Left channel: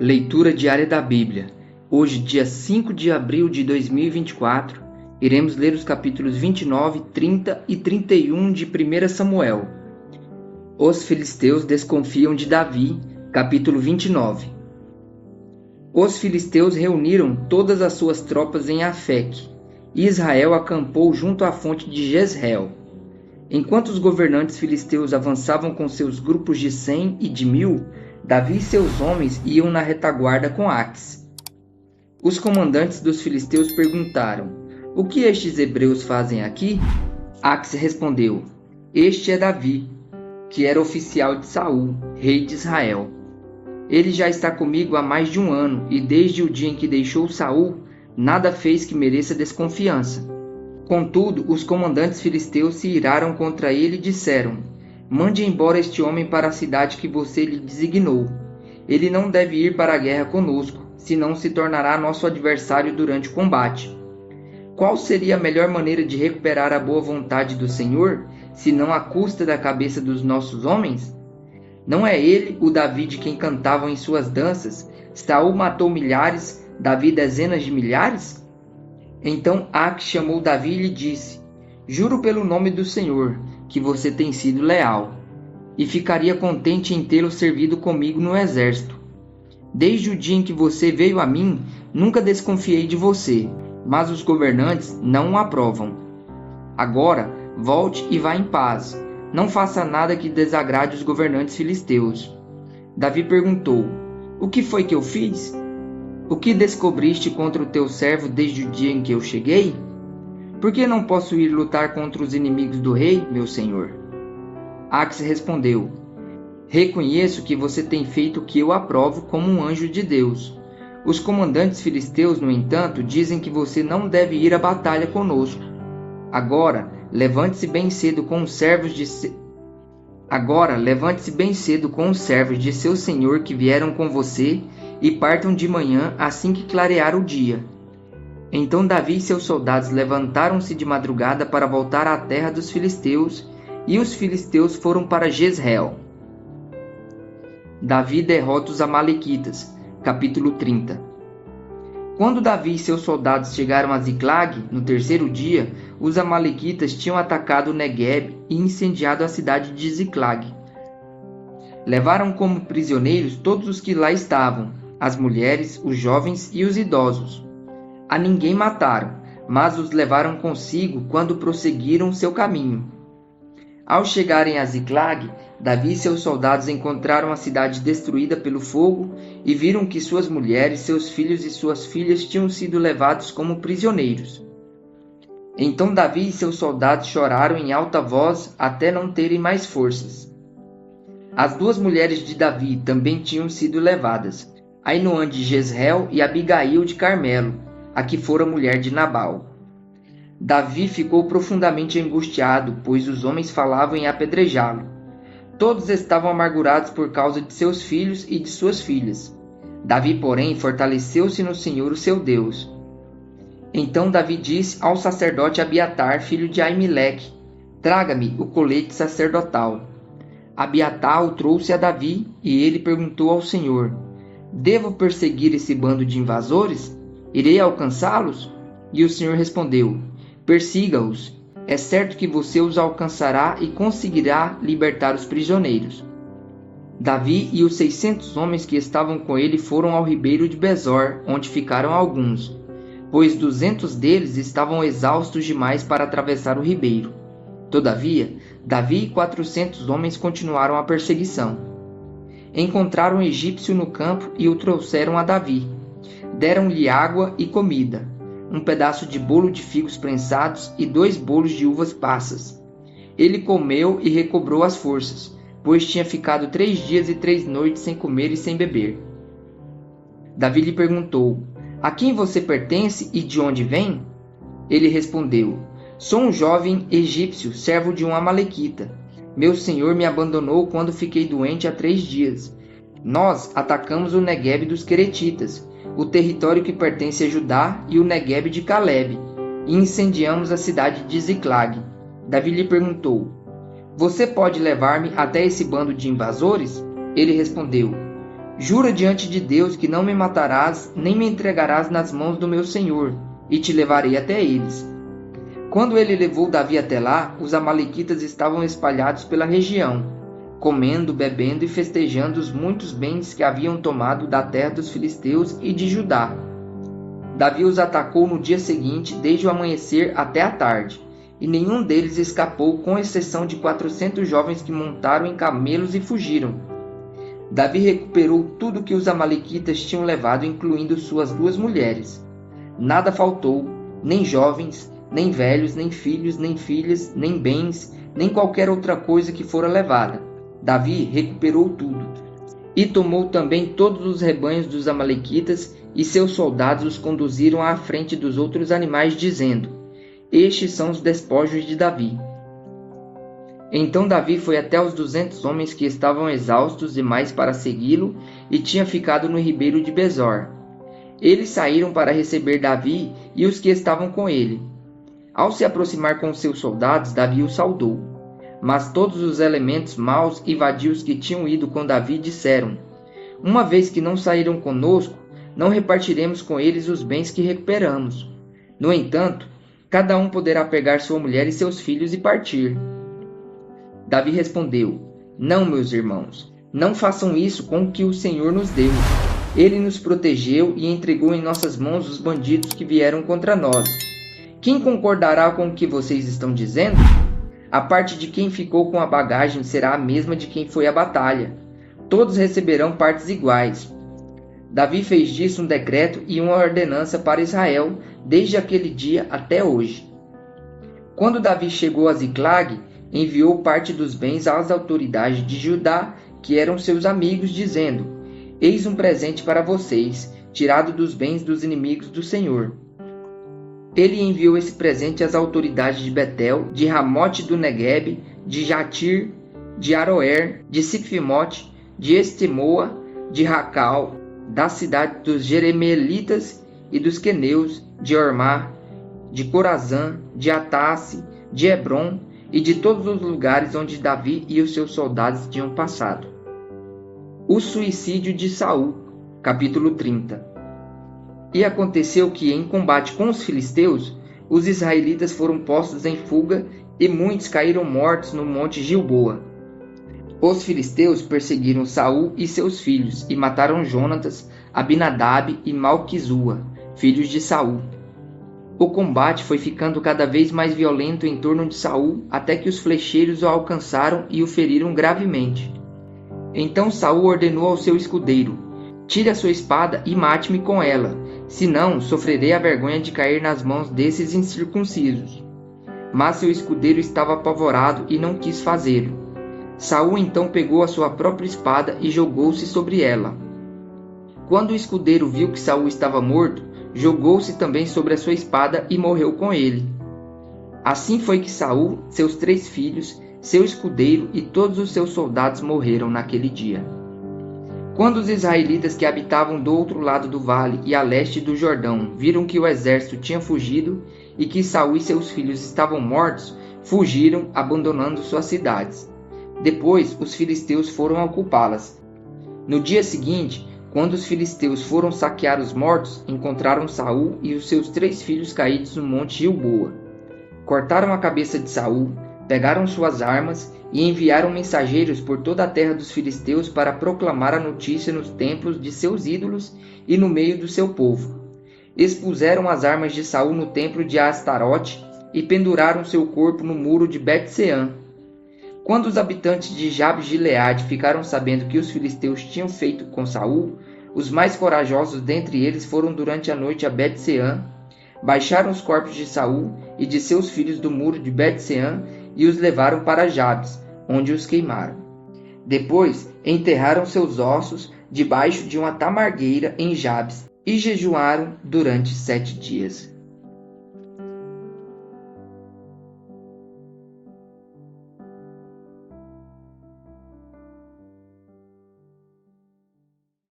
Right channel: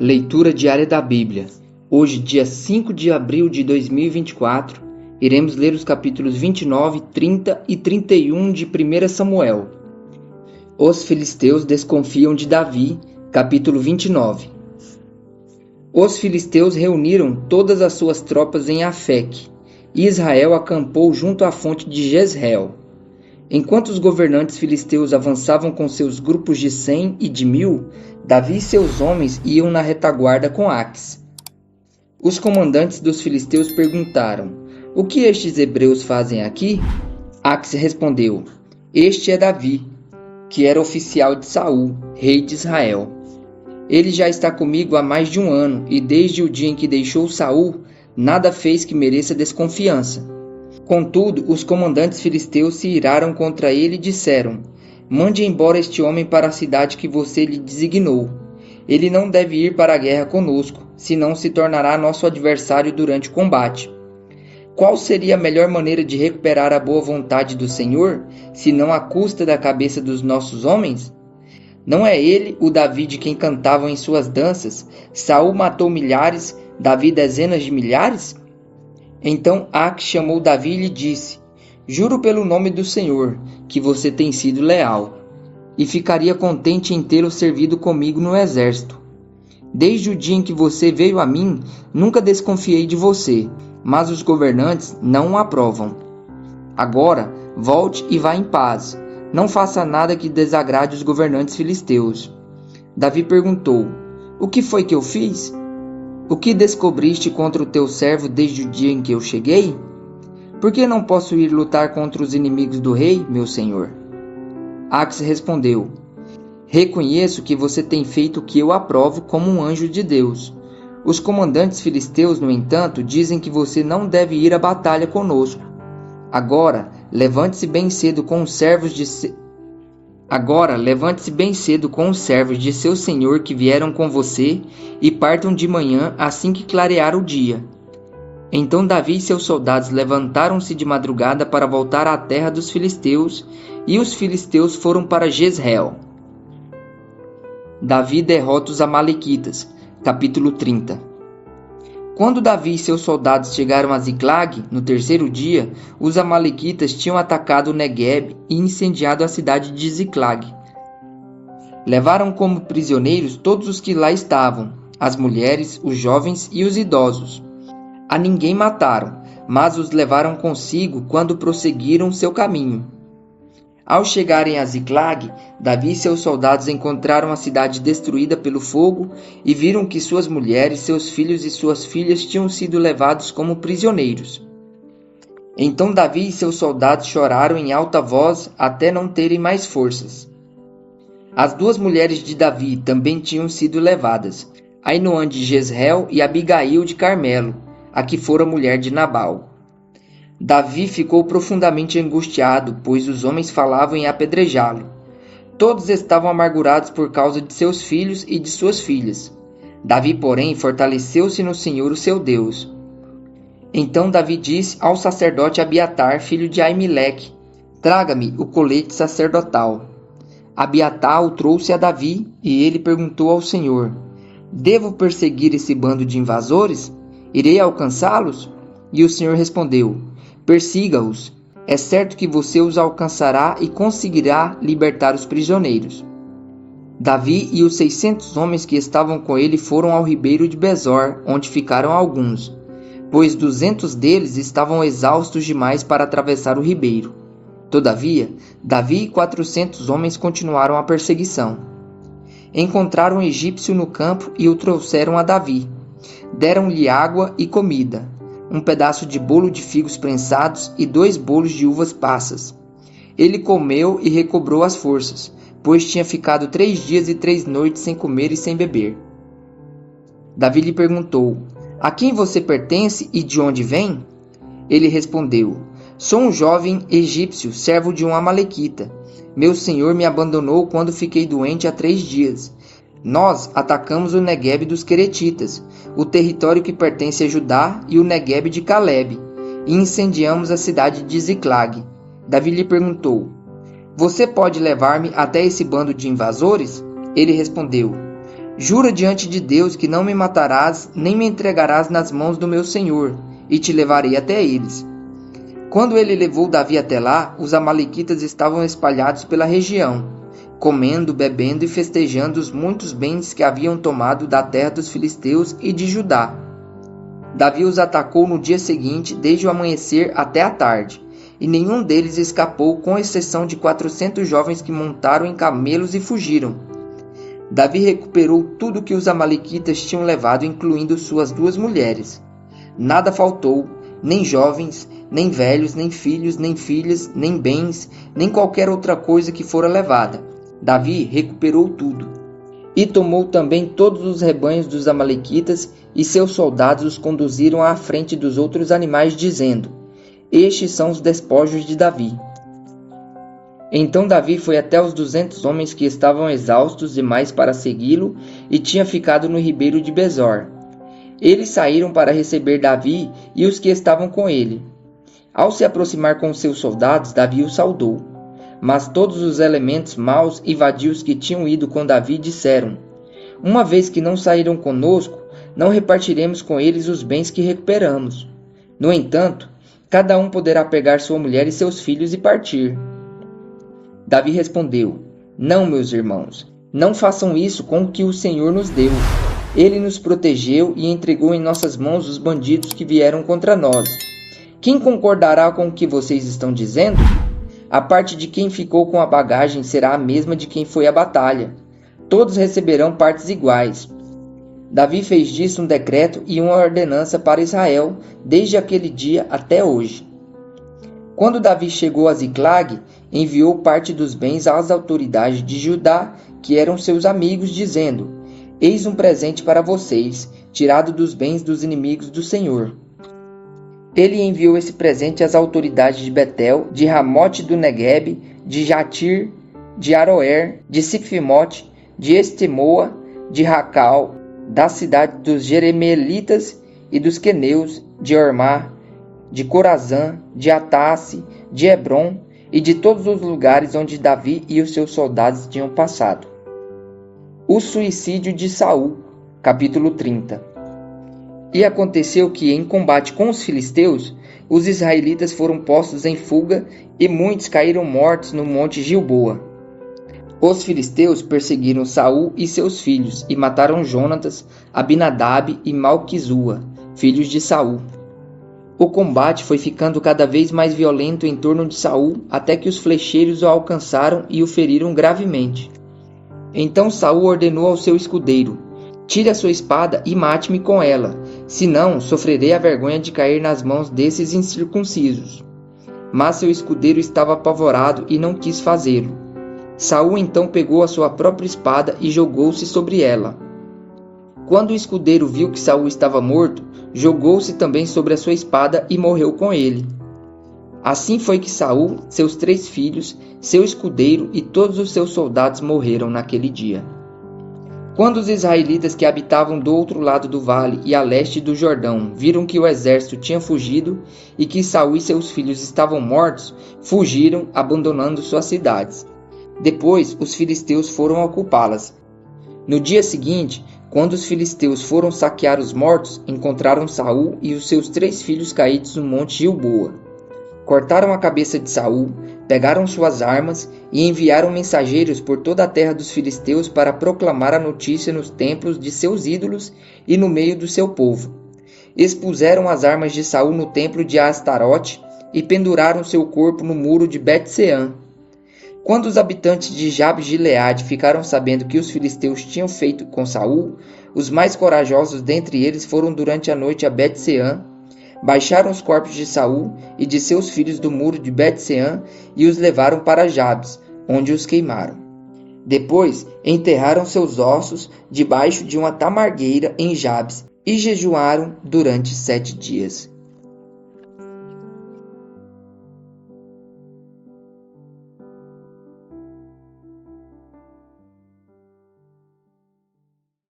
Leitura diária da Bíblia. Hoje, dia 5 de abril de 2024, iremos ler os capítulos 29, 30 e 31 de 1 Samuel. Os filisteus desconfiam de Davi, capítulo 29. Os filisteus reuniram todas as suas tropas em Afeque, e Israel acampou junto à fonte de Jezreel. Enquanto os governantes filisteus avançavam com seus grupos de 100 e de 1000, Davi e seus homens iam na retaguarda com Aques. Os comandantes dos filisteus perguntaram: "O que estes hebreus fazem aqui?" Aques respondeu: "Este é Davi, que era oficial de Saul, rei de Israel. Ele já está comigo há mais de um ano, e desde o dia em que deixou Saul, nada fez que mereça desconfiança." Contudo, os comandantes filisteus se iraram contra ele e disseram: "Mande embora este homem para a cidade que você lhe designou. Ele não deve ir para a guerra conosco, senão se tornará nosso adversário durante o combate. Qual seria a melhor maneira de recuperar a boa vontade do Senhor, senão à custa da cabeça dos nossos homens? Não é ele o Davi de quem cantavam em suas danças? Saul matou milhares, Davi dezenas de milhares?" Então Aques chamou Davi e lhe disse: "Juro pelo nome do Senhor, que você tem sido leal, e ficaria contente em tê-lo servido comigo no exército. Desde o dia em que você veio a mim, nunca desconfiei de você, mas os governantes não o aprovam. Agora, volte e vá em paz. Não faça nada que desagrade os governantes filisteus." Davi perguntou: "O que foi que eu fiz? O que descobriste contra o teu servo desde o dia em que eu cheguei? Por que não posso ir lutar contra os inimigos do rei, meu senhor?" Aques respondeu: "Reconheço que você tem feito o que eu aprovo como um anjo de Deus. Os comandantes filisteus, no entanto, dizem que você não deve ir à batalha conosco. Agora, levante-se bem cedo com os servos de seu senhor que vieram com você e partam de manhã assim que clarear o dia." Então Davi e seus soldados levantaram-se de madrugada para voltar à terra dos filisteus, e os filisteus foram para Jezreel. Davi derrota os amalequitas, capítulo 30. Quando Davi e seus soldados chegaram a Ziclag, no terceiro dia, os amalequitas tinham atacado o Neguebe e incendiado a cidade de Ziclag. Levaram como prisioneiros todos os que lá estavam, as mulheres, os jovens e os idosos. A ninguém mataram, mas os levaram consigo quando prosseguiram seu caminho. Ao chegarem a Ziclag, Davi e seus soldados encontraram a cidade destruída pelo fogo e viram que suas mulheres, seus filhos e suas filhas tinham sido levados como prisioneiros. Então Davi e seus soldados choraram em alta voz até não terem mais forças. As duas mulheres de Davi também tinham sido levadas, Ainoã de Jezreel e Abigail de Carmelo, a que fora mulher de Nabal. Davi ficou profundamente angustiado, pois os homens falavam em apedrejá-lo. Todos estavam amargurados por causa de seus filhos e de suas filhas. Davi, porém, fortaleceu-se no Senhor, o seu Deus. Então Davi disse ao sacerdote Abiatar, filho de Aimeleque: "Traga-me o colete sacerdotal." Abiatar o trouxe a Davi, e ele perguntou ao Senhor: "Devo perseguir esse bando de invasores? Irei alcançá-los?" E o Senhor respondeu: "Persiga-os. É certo que você os alcançará e conseguirá libertar os prisioneiros." Davi e os 600 homens que estavam com ele foram ao ribeiro de Besor, onde ficaram alguns, pois 200 deles estavam exaustos demais para atravessar o ribeiro. Todavia, Davi e 400 homens continuaram a perseguição. Encontraram um egípcio no campo e o trouxeram a Davi. Deram-lhe água e comida, um pedaço de bolo de figos prensados e 2 bolos de uvas passas. Ele comeu e recobrou as forças, pois tinha ficado 3 dias e 3 noites sem comer e sem beber. Davi lhe perguntou: "A quem você pertence e de onde vem?" Ele respondeu: "Sou um jovem egípcio, servo de um amalequita. Meu senhor me abandonou quando fiquei doente há 3 dias. Nós atacamos o Neguebe dos Queretitas, o território que pertence a Judá, e o Neguebe de Calebe, e incendiamos a cidade de Ziclag." Davi lhe perguntou: "Você pode levar-me até esse bando de invasores?" Ele respondeu: Jura diante de Deus que não me matarás, nem me entregarás nas mãos do meu senhor, e te levarei até eles. Quando ele levou Davi até lá, os amalequitas estavam espalhados pela região, comendo, bebendo e festejando os muitos bens que haviam tomado da terra dos filisteus e de Judá. Davi os atacou no dia seguinte, desde o amanhecer até a tarde, e nenhum deles escapou, com exceção de 400 jovens que montaram em camelos e fugiram. Davi recuperou tudo que os amalequitas tinham levado, incluindo suas 2 mulheres. Nada faltou, nem jovens, nem velhos, nem filhos, nem filhas, nem bens, nem qualquer outra coisa que fora levada. Davi recuperou tudo. E tomou também todos os rebanhos dos amalequitas, e seus soldados os conduziram à frente dos outros animais, dizendo: Estes são os despojos de Davi. Então Davi foi até os 200 homens que estavam exaustos demais para segui-lo e tinha ficado no ribeiro de Besor. Eles saíram para receber Davi e os que estavam com ele. Ao se aproximar com seus soldados, Davi os saudou. Mas todos os elementos maus e vadios que tinham ido com Davi disseram: Uma vez que não saíram conosco, não repartiremos com eles os bens que recuperamos. No entanto, cada um poderá pegar sua mulher e seus filhos e partir. Davi respondeu: Não, meus irmãos, não façam isso com o que o Senhor nos deu. Ele nos protegeu e entregou em nossas mãos os bandidos que vieram contra nós. Quem concordará com o que vocês estão dizendo? A parte de quem ficou com a bagagem será a mesma de quem foi à batalha. Todos receberão partes iguais. Davi fez disso um decreto e uma ordenança para Israel, desde aquele dia até hoje. Quando Davi chegou a Ziclag, enviou parte dos bens às autoridades de Judá, que eram seus amigos, dizendo: Eis um presente para vocês, tirado dos bens dos inimigos do Senhor. Ele enviou esse presente às autoridades de Betel, de Ramote do Neguebe, de Jatir, de Aroer, de Sifimote, de Estemoa, de Racal, da cidade dos Jeremelitas e dos Queneus, de Ormá, de Corazã, de Atasse, de Hebron e de todos os lugares onde Davi e os seus soldados tinham passado. O suicídio de Saul, capítulo 30. E aconteceu que, em combate com os filisteus, os israelitas foram postos em fuga e muitos caíram mortos no monte Gilboa. Os filisteus perseguiram Saul e seus filhos e mataram Jonatas, Abinadab e Malquizua, filhos de Saul. O combate foi ficando cada vez mais violento em torno de Saul, até que os flecheiros o alcançaram e o feriram gravemente. Então Saul ordenou ao seu escudeiro: Tire a sua espada e mate-me com ela, senão sofrerei a vergonha de cair nas mãos desses incircuncisos. Mas seu escudeiro estava apavorado e não quis fazê-lo. Saul então pegou a sua própria espada e jogou-se sobre ela. Quando o escudeiro viu que Saul estava morto, jogou-se também sobre a sua espada e morreu com ele. Assim foi que Saul, seus 3 filhos, seu escudeiro e todos os seus soldados morreram naquele dia. Quando os israelitas que habitavam do outro lado do vale e a leste do Jordão viram que o exército tinha fugido e que Saul e seus filhos estavam mortos, fugiram, abandonando suas cidades. Depois, os filisteus foram ocupá-las. No dia seguinte, quando os filisteus foram saquear os mortos, encontraram Saul e os seus 3 filhos caídos no monte Gilboa. Cortaram a cabeça de Saul, pegaram suas armas e enviaram mensageiros por toda a terra dos filisteus para proclamar a notícia nos templos de seus ídolos e no meio do seu povo. Expuseram as armas de Saul no templo de Astarote e penduraram seu corpo no muro de Bet-Sean. Quando os habitantes de Jabes-Gileade ficaram sabendo que os filisteus tinham feito com Saul, os mais corajosos dentre eles foram durante a noite a Bet-Sean, baixaram os corpos de Saul e de seus filhos do muro de Bet-Sean e os levaram para Jabes, onde os queimaram. Depois enterraram seus ossos debaixo de uma tamargueira em Jabes e jejuaram durante 7 dias.